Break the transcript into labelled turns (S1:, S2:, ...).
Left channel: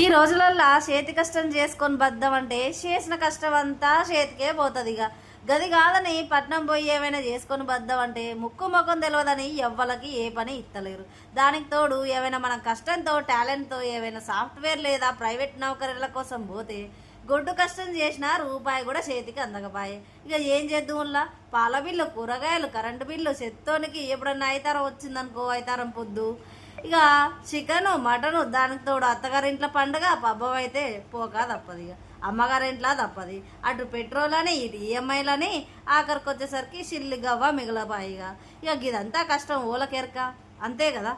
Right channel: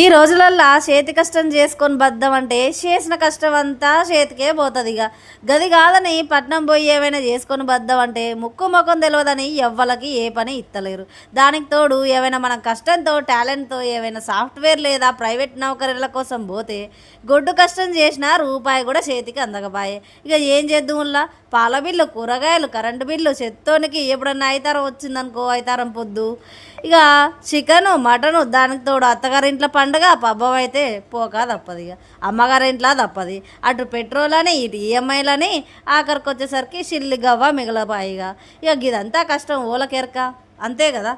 S1: ఈ రోజులల్లో చేతి కష్టం చేసుకొని బద్దం అంటే చేసిన కష్టం అంతా చేతికే పోతుంది ఇక గది కాదని పట్నం పోయి ఏమైనా చేసుకొని బద్దం అంటే ముక్కు ముఖం తెలియదని ఎవ్వలకి ఏ పని ఇత్తలేరు. దానికి తోడు ఏమైనా మనం కష్టంతో టాలెంట్తో ఏమైనా సాఫ్ట్వేర్ లేదా ప్రైవేట్ నౌకరీల కోసం పోతే గొడ్డు కష్టం చేసినా రూపాయి కూడా చేతికి అందకపాయే. ఇక ఏం చేద్దాంలా పాల బిల్లు కూరగాయలు కరెంటు బిల్లు చెత్తోనికి ఎప్పుడన్నా అయితారం వచ్చిందనుకో అయితారం పొద్దు. ఇక చికెను మటను దానికి తోడు అత్తగారింట్లో పండుగ పబ్బం అయితే పోక తప్పదు ఇక అమ్మగారింట్లో తప్పది. అటు పెట్రోల్ అని ఇటు ఈఎంఐలని ఆఖరికి వచ్చేసరికి సిల్లి గవ్వ మిగలపాయిగా ఇక ఇదంతా కష్టం ఓలకెరక. అంతే కదా?